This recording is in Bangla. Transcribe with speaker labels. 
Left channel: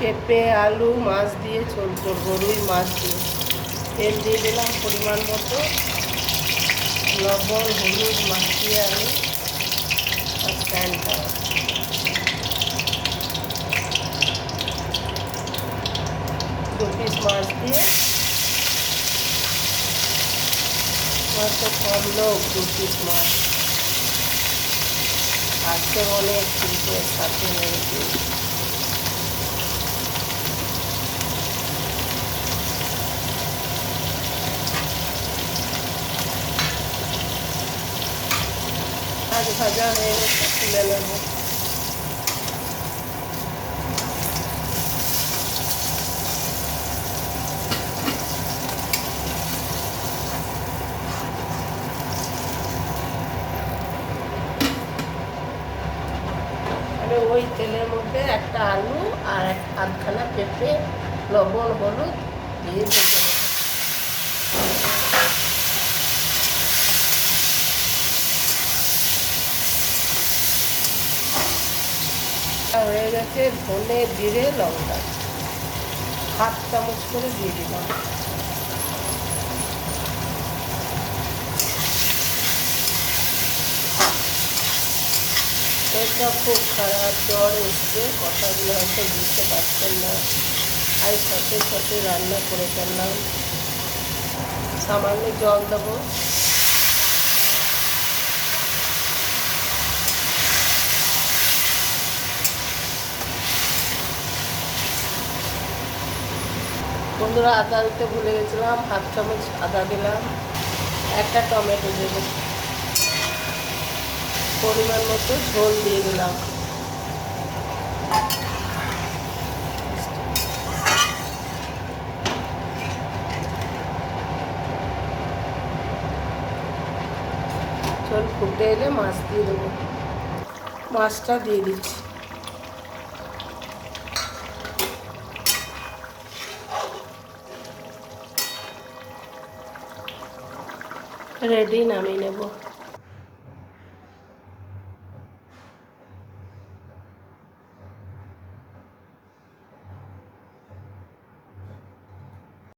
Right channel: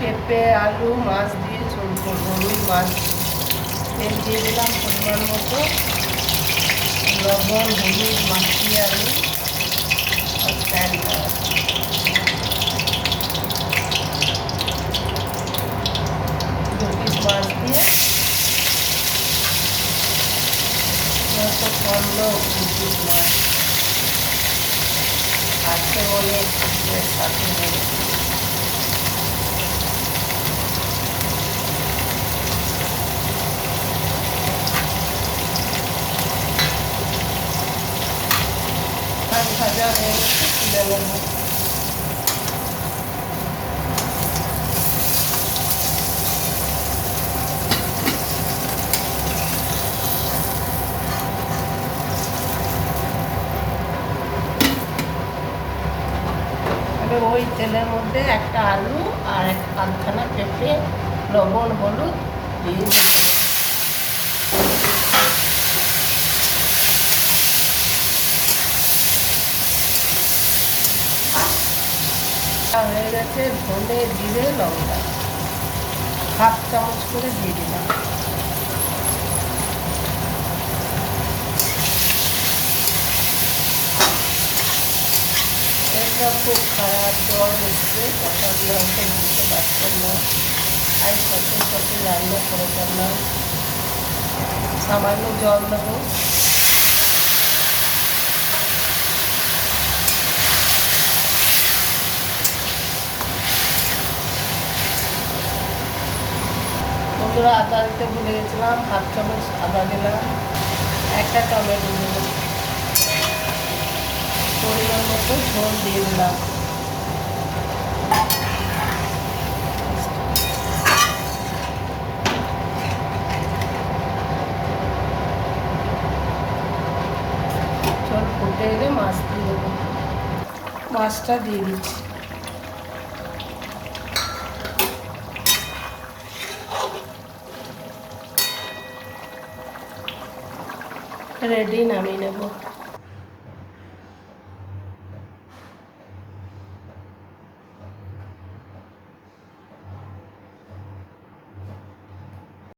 Speaker 1: পেঁপে, আলু, মাছ দিয়ে ঝোল করব মাছ দিয়ে। তেল দিয়ে দিলাম পরিমাণ মতো। লবণ, হলুদ মাখিয়ে আমি স্ট্যান্ড দু পিস মাছ দিয়ে মাছটা কমলো মাছ। আজকে অনেক পিসের ভাজা হয়ে গেছে তুলে নেব ওই তেলের মধ্যে একটা আলু আর এক আধখানা পেঁপে, লবণ, হলুদ দিয়ে হয়ে গেছে, ধনে, জিরে, লঙ্কা। হাফ চামচ করে দিয়ে দিলাম। পেটটা খুব খারাপ জ্বর এসছে কথাগুলো হয়তো বুঝতে পারছেন না। আর সাথে সাথে রান্না করে ফেললাম। সামান্য জল দেবো। বন্ধুরা আদা দিতে ভুলে গেছিলাম হাফ চামচ আদা দিলাম। একটা টমেটো দিলাম পরিমাণ মতো ঝোল দিয়ে দিলাম। ঝোল ফুটে এলে মাছ দিয়ে দেবো। মাছটা দিয়ে দিচ্ছি। রেডি নামিয়ে নেব